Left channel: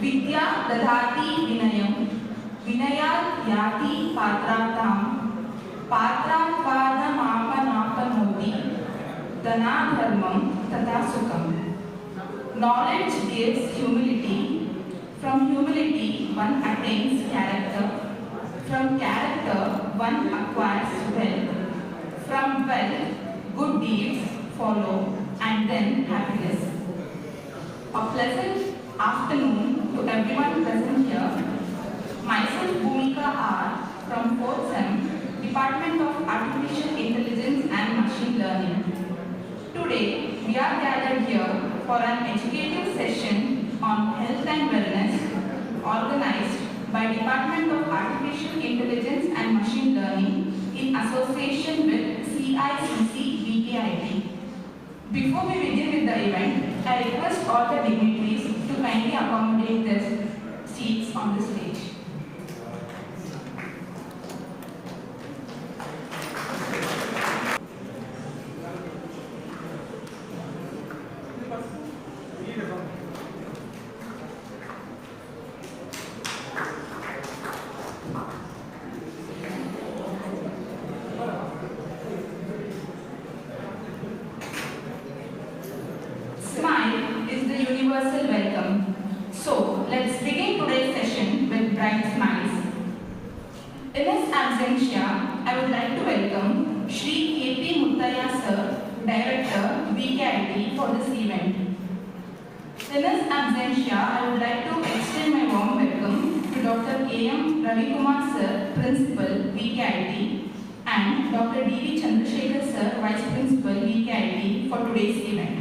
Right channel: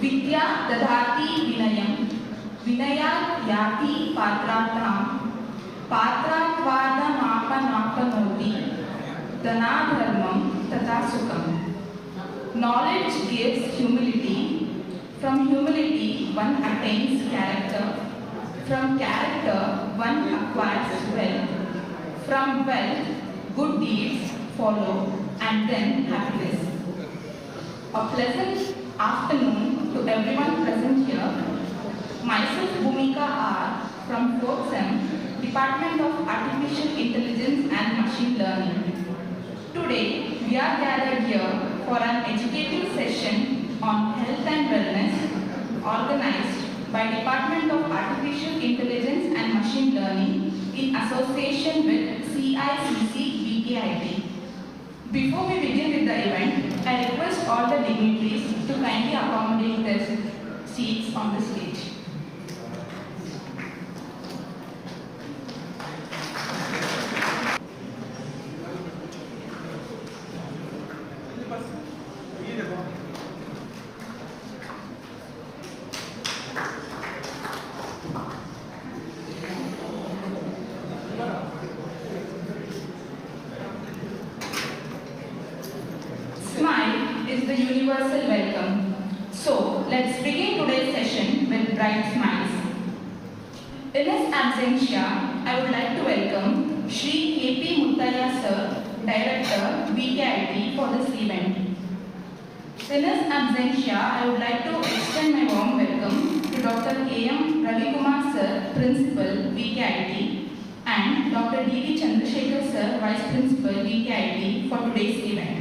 विद्या ददाति विनयं विनयात् याति पात्रार्थां पात्रात्वादमापनापनोति धनाधर्मं तथा सुखम्. Knowledge gives humility. From humility one attains character. From character one acquires wealth. From wealth good deeds follow and then happiness. A pleasant afternoon to everyone present here. Myself Bhumika R from 4th Sem, Department of Artificial Intelligence and Machine Learning. Today we are gathered here for an educative session on health and wellness organized by Department of Artificial Intelligence and Machine Learning in association with CICC BKIT. Before we begin with the event, I request all the dignitaries to kindly accommodate their seats on the stage. Smile is the universal welcome. So, let's begin today's session with bright smiles. In his absentia, I would like to welcome Shri K.P. Muttaya Sir, Director, BKIT, for this event. In his absentia, I would like to extend my warm welcome to Dr. K.M. Ravikumar Sir, Principal, BKIT, and Dr. D.V. Chandrasekhar Sir, Vice Principal, BKIT, for today's event.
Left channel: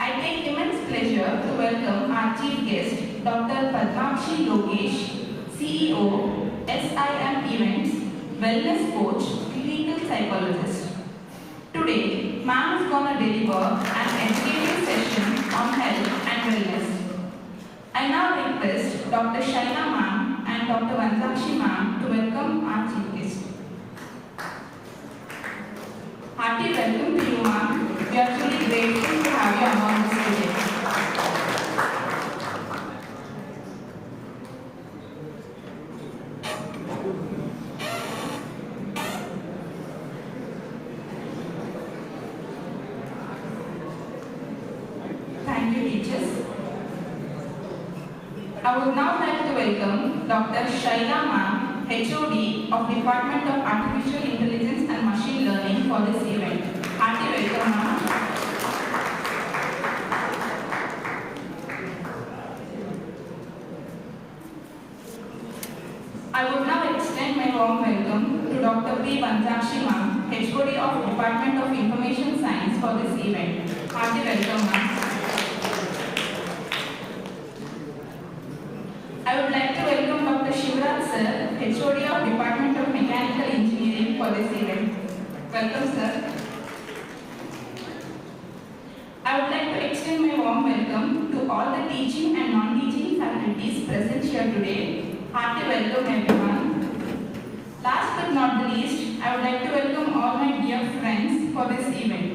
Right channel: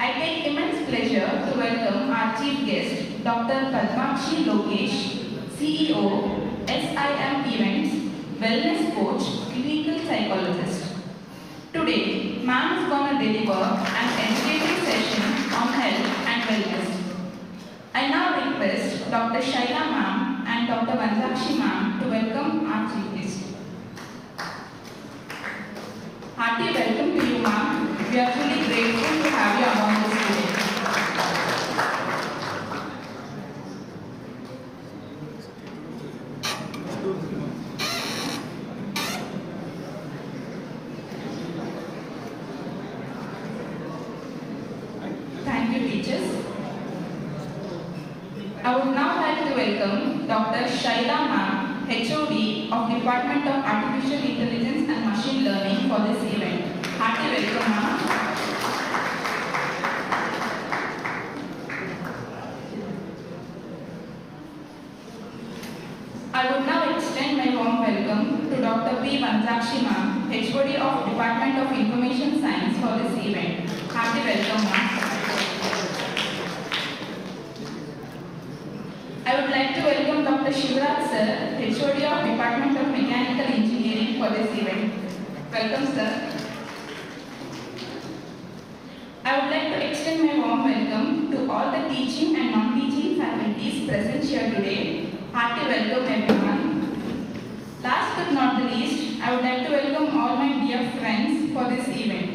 I take immense pleasure to welcome our chief guest, Dr. Padmakshi Lokesh, CEO, SIM Events, Wellness Coach, Clinical Psychologist. Today, ma'am is going to deliver an educative session on health and wellness. I now request Dr. Shaila ma'am and Dr. Vanjakshi ma'am to welcome our chief guest. Hearty welcome to you ma'am. We are truly grateful to have you among us today. Thank you, teachers. I would now like to welcome Dr. Shaila ma'am, HOD of Department of Artificial Intelligence and Machine Learning, for this event. Hearty welcome ma'am. I would now extend my warm welcome to Dr. P. Vanjakshi ma'am, HOD of Department of Information Science, for this event. Hearty welcome ma'am. I would like to welcome Dr. Shivraj Sir, HOD of Department of Mechanical Engineering, for this event. Welcome sir. I would like to extend my warm welcome to all the teaching and non-teaching faculties present here today. Hearty welcome everyone. Last but not the least, I would like to welcome all my dear friends for this event.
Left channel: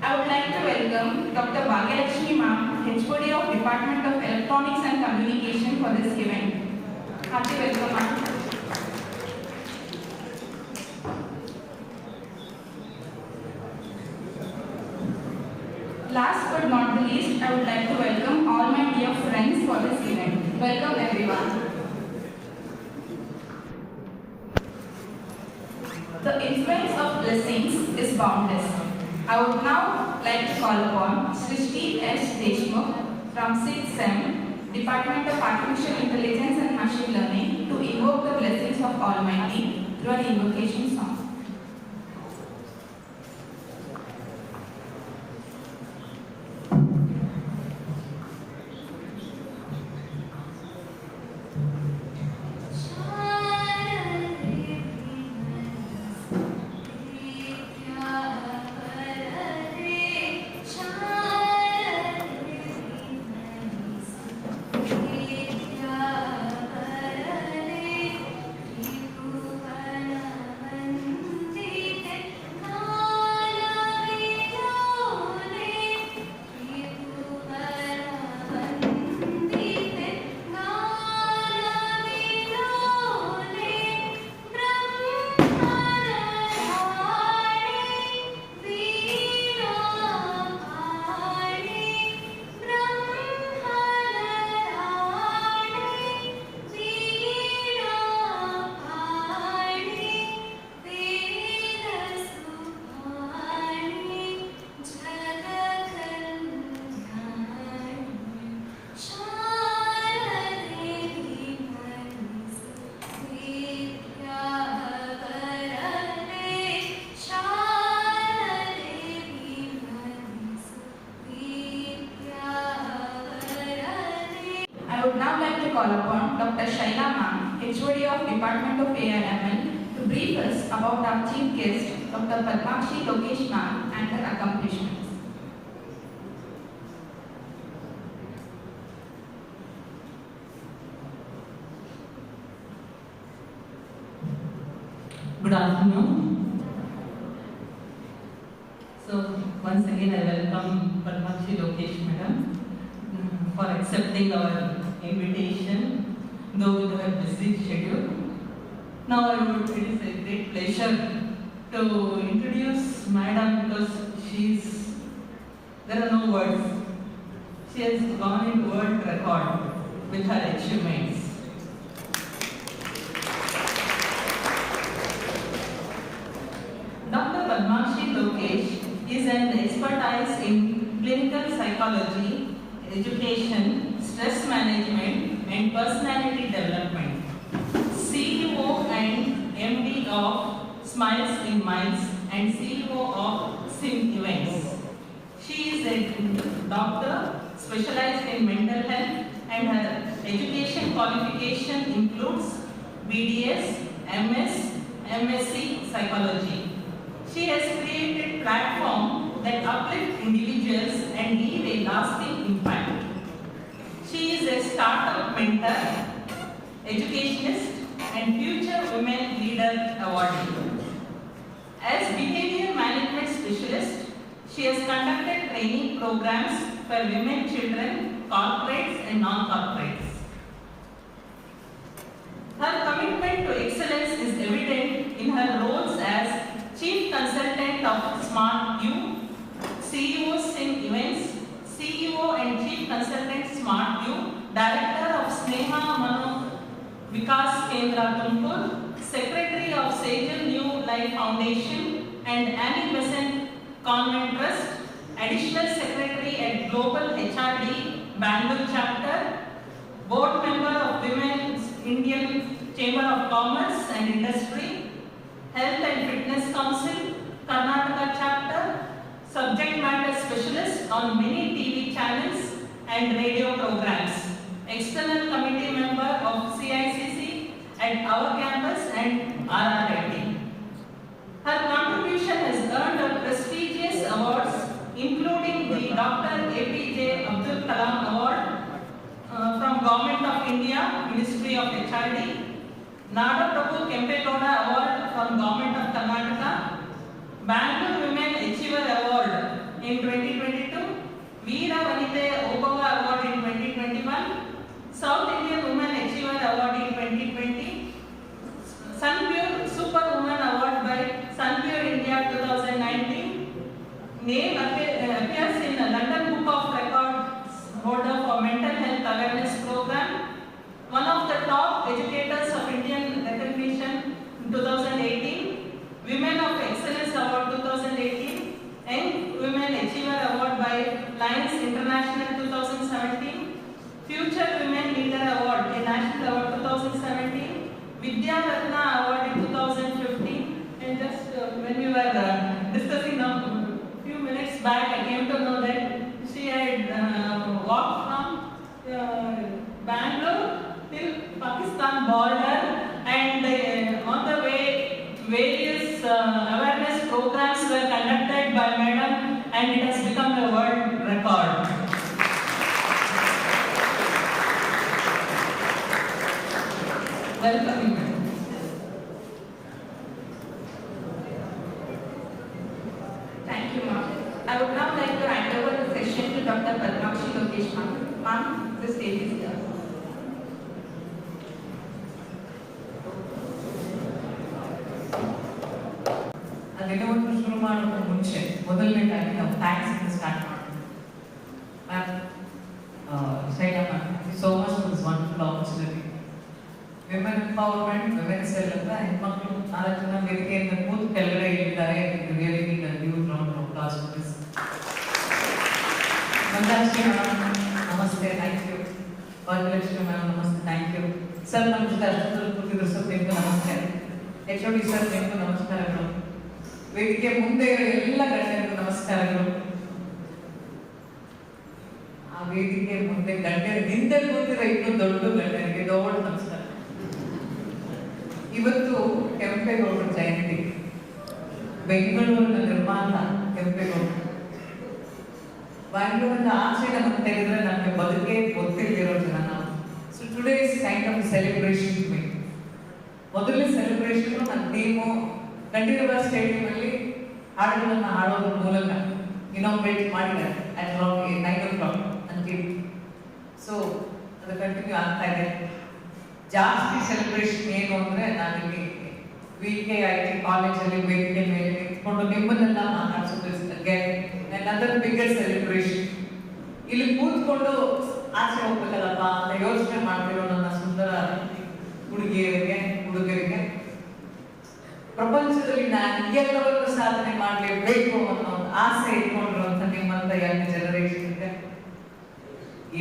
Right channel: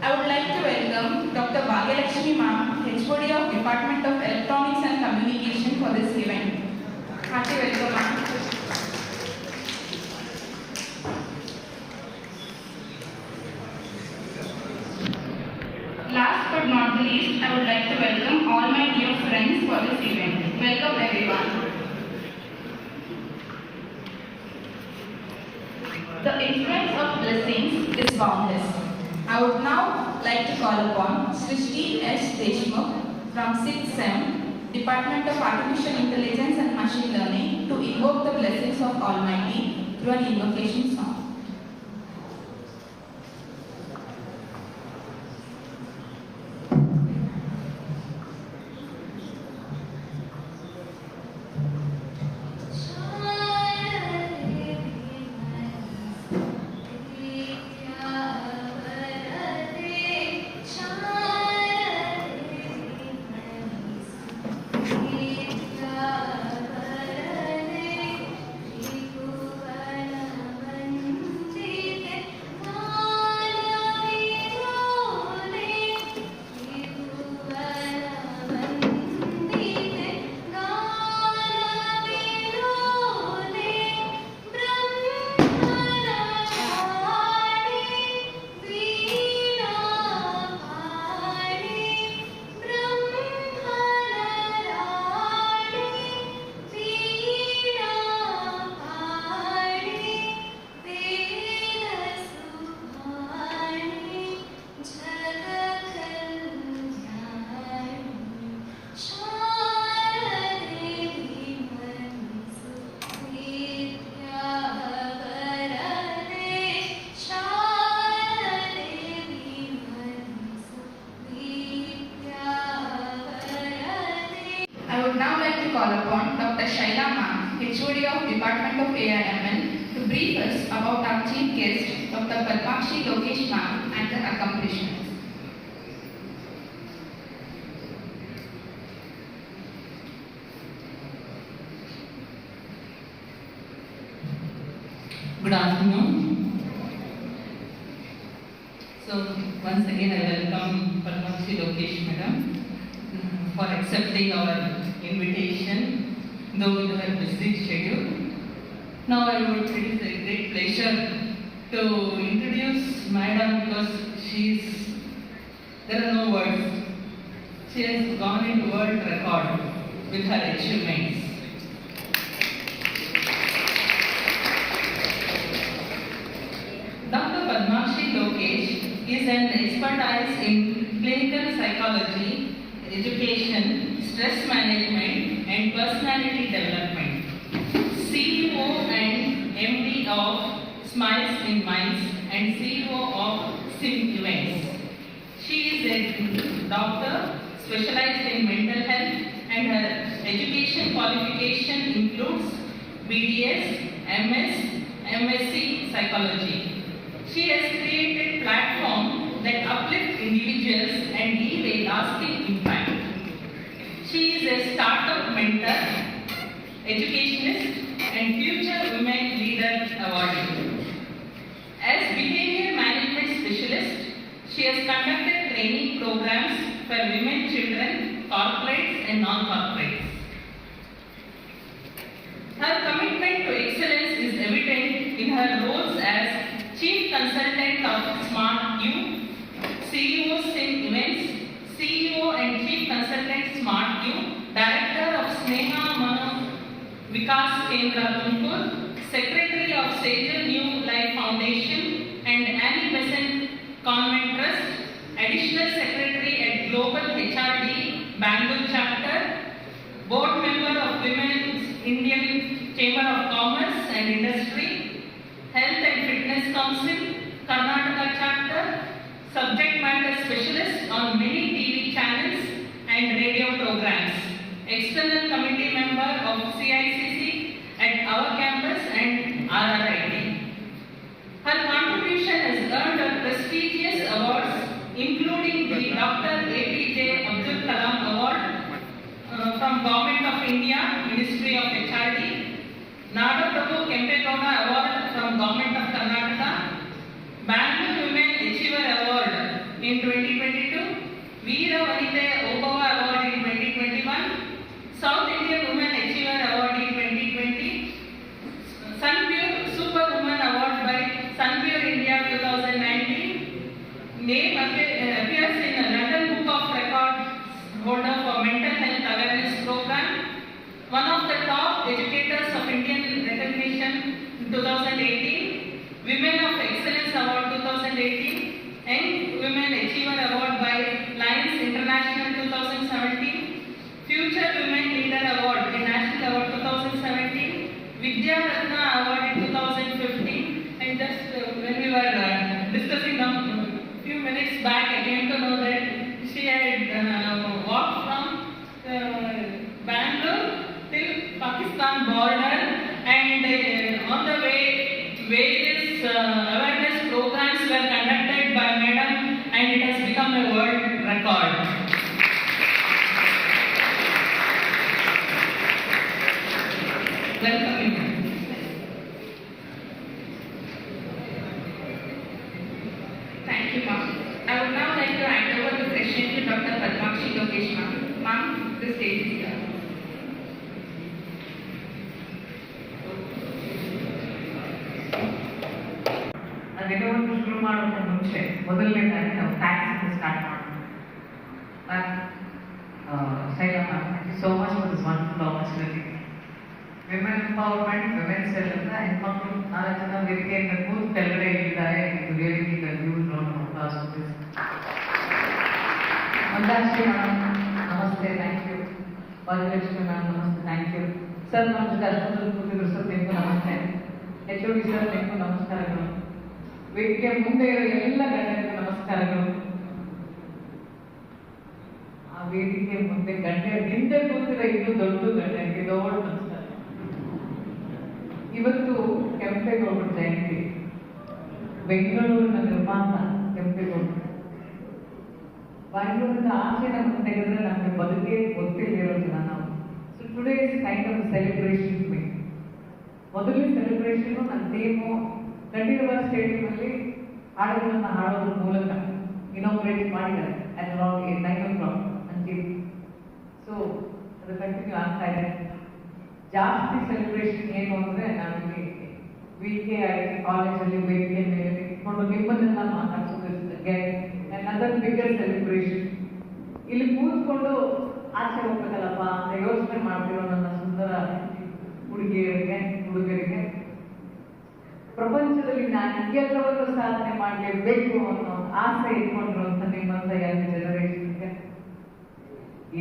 I would like to welcome Dr. Bhagyalakshmi ma'am, HOD of Department of Electronics and Communication, for this event. Hearty welcome ma'am. Last but not the least, I would like to welcome all my dear friends for this event. Welcome everyone. The influence of blessings is boundless. I would now like to call upon Srishti S. Deshmukh from 6th Sem, Department of Artificial Intelligence and Machine Learning, to invoke the blessings of Almighty through an invocation song. Department of AIML to brief us about our chief guest, Dr. Padmakshi Lokesh ma'am, and her accomplishments. Good afternoon. So once again I welcome Padmakshi Lokesh madam for accepting our invitation though with her busy schedule. Now it is a great pleasure to introduce madam because there are no words. She has gone into world record with her achievements. Dr. Padmakshi Lokesh is an expertise in clinical psychology, education, stress management, and personality development. CEO and MD of Smiles in Minds and CEO of SIM Events. She is a doctor specialized in mental health and her education qualification includes BDS, MS, MSc Psychology. She has created platforms that uplift individuals and leave a lasting impact. She is a startup mentor, educationist, and future women leader awardee. As behavior management specialist, she has conducted training programs for women, children, corporates, and non-corporates. Her commitment to excellence is evident in her roles as Chief Consultant of Smart U, CEO SIM Events, CEO and Chief Consultant Smart U, Director of Sneha Mano Vikas Kendra Tumkur, Secretary of Sejal New Life Foundation and Annie Besant Convent Trust, Additional Secretary at Global HRD Bangalore Chapter, Board Member of Women's Indian Chamber of Commerce and Industry, Health and Fitness Council, Karnataka Chapter, Subject Matter Specialist on many TV channels and radio programs, External Committee Member of CICC at our campus and RRIT. Her contribution has earned her prestigious awards including the Dr. APJ Abdul Kalam Award from Government of India, Ministry of HRD, Nada Prabhu Kempegowda Award from Government of Karnataka, Bangalore Women Achiever Award in 2022, Veera Vanite Obava Award in 2021, South Indian Women Achiever Award in 2020, Sunpure Superwoman Award by Sunpure India 2019, name appears in the London Book of Records holder for Mental Health Awareness Program, one of the top educators of Indian recognition 2018, Women of Excellence Award 2018, Young Women Achiever Award by Lions International 2017, Future Women Leader Award, a National Award 2017, Vidya Ratna Award in 2015, and just when we were discussing a few minutes back, I came to know that she had walked from Bangalore till Pakistan border and on the way various awareness programs were conducted by madam and it has become a world record. Welcome you. Thank you, ma'am. I would now like to hand over the session to Dr. Padmakshi Lokesh ma'am. Ma'am, the stage is yours. ಅದೆಲ್ಲವನ್ನು ಶುರು ಮಾಡೋದಕ್ಕೆ ಮುಂಚೆ ಮೊದಲನೇದಾಗಿ ನಾವು ಥ್ಯಾಂಕ್ಸ್ ಅಂತ start ಮಾಡೋಣ. Ma'am, Shaila ma'am, thank you so much for this wonderful opportunity. Women empowerment, women cell ಅಂತ ಹೆಣ್ಮಕ್ಳು 4 ಜನ ವೇದಿಕೆಯಿಂದ ಕೂತು ಕೆಳಗಡೆ ಇಲ್ಲಿದ್ದಾರೆ. ಇದು really need a new round of applause for this. Mandashree madam ನಮಸ್ತೆ, ಥ್ಯಾಂಕ್ ಯು. ಭಾಗ್ಯಲಕ್ಷ್ಮಿ ಮೇಡಮ್ ನಮಸ್ತೆ, ಥ್ಯಾಂಕ್ ಯು. ಸರ್ ನಮ್ಮ ಜೊತೆ ಅಷ್ಟೊಂದು ಕೂತಿದ್ರು ಸರ್, ನಿಮಗೂ ನಮಸ್ತೆ. HOD ಸರ್ ನಿಮಗೂ ನಮಸ್ಕಾರಗಳು. ವೇದಿಕೆ ಮುಂದೆ ಇರೋ ಎಲ್ಲ ಗಣ್ಯರಿಗೂ ನಮಸ್ಕಾರಗಳು. ಆ ವೇದಿಕೆ ಮುಂದೆ ಗಣ್ಯರು ಹಿಂದೆ ಕೂತಿರೋ ಇನ್ನೂ ದೊಡ್ಡ ಗಣ್ಯರಿಗೆ ದೊಡ್ಡ ನಮಸ್ಕಾರ. ಇವತ್ತು ಕೆಂಪೇಗೌಡರ ಜಯಂತಿ. ಬೆಂಗಳೂರಿನ ನಿರ್ಮಾತ ಕೆಂಪೇಗೌಡ. ಬೆಂಗಳೂರಿನ ಆಚೆ ನಮಗೆ ತೆಗೆದ್ರೆ ನಮಗೆ ಬದುಕೆ ಗೊತ್ತಿಲ್ಲದಿರೋ ಜನ ನಾವು. So today is kind of celebration to me. ಮೊದಲನೇ ಸೆಲೆಬ್ರೇಷನ್ ನನ್ನ ಟೀಮು ಕಂಠೀರವ ಸ್ಟೇಡಿಯಂ ಅಲ್ಲಿ ಹಾಡುಗಳನ್ನು ಹಾಡೋದ್ರ ಮೂಲಕ ಇನಾಗ್ರೇಟ್ ಮಾಡಿದ್ದಾರೆ ಅಟ್ ಅರೌಂಡ್ 9 o'clock ನನ್ನ ಟೀಮ್. ಸೊ ಅದು ಕಂಟಿನ್ಯೂ ಆಗ್ತಾ ಇದೆ. ಜಾಸ್ತಿ ಸೆಲೆಬ್ರೇಷನ್ ಏನು ಅಂದರೆ ನಾವಿಲ್ಲಿ VKIT ಕಾಲೇಜಲ್ಲಿ ವೇದಿಕೆ ಮೇಲೆ ನಿಂತ್ಕೊಂಡು ನಿಮ್ಮನ್ನೆಲ್ಲ ಮಾತಾಡ್ಸೋದಕ್ಕೆ another bigger celebration. ಇಲ್ಲಿ ಕೂತ್ಕೊಂಡು ಆಚೆ ಹೋಗ್ಬೇಕಲ್ಲಪ್ಪ ಅಂತ ಯೋಚನೆ ಮಾಡ್ತಿರೋ ನನ್ನ ಸುಂದರ ಹುಡುಗಿಯರಿಗೆ ಹುಡುಗರಿಗೆ ಪ್ರಪಂಚದಲ್ಲಿ ನಾನು ಎಲ್ಲವನ್ನೂ ಸಾಧನೆ ಮಾಡಲೇಬೇಕು ಅನ್ನೋ ಆಸೆ ಇಟ್ಕೊಂಡಿರುವಂತ ನಿಮ್ಮಂತ ಯಂಗ್ ಜನರೇಷನ್ಗೆ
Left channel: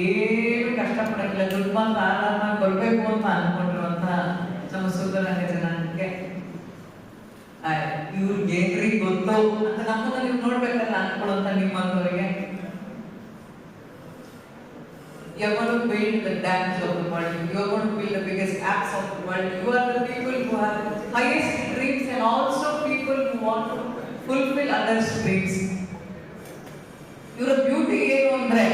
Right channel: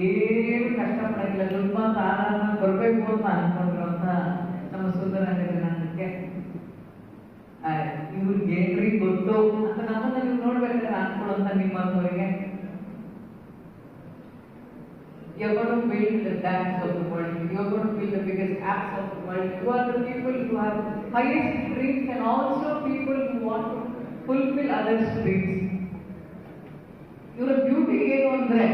ಏನು ಕಷ್ಟಪಡಕ್ಕಿಲ್ಲ, ದುಡ್ಡು ಮಾತ್ರ ಆರಾಮಾಗಿ ಬರಬೇಕು ಅಂತ ಅನ್ಕೊಂಡಿರುವಂತ ನಮ್ಮ ಸುಂದರ ಜನಾಂಗಕ್ಕೆ ಇವ್ರಿಗೆ ಏನ್ರಿ ಗೊತ್ತು ಅಂತ ನಮ್ಮನ್ನ ನೀವು ನೋಡ್ಬೇಕಲ್ಲ ಅನ್ಕೊಳ್ಳುವಂತ ನಿಮ್ಮಂತವರಿಗೆ you're going to build the dams of the world, you're going to build the biggest apps of the world, you are the people who have the highest dreams and also people who want to fulfill others' dreams. Your beauty ಏನು ಅಂದ್ರೆ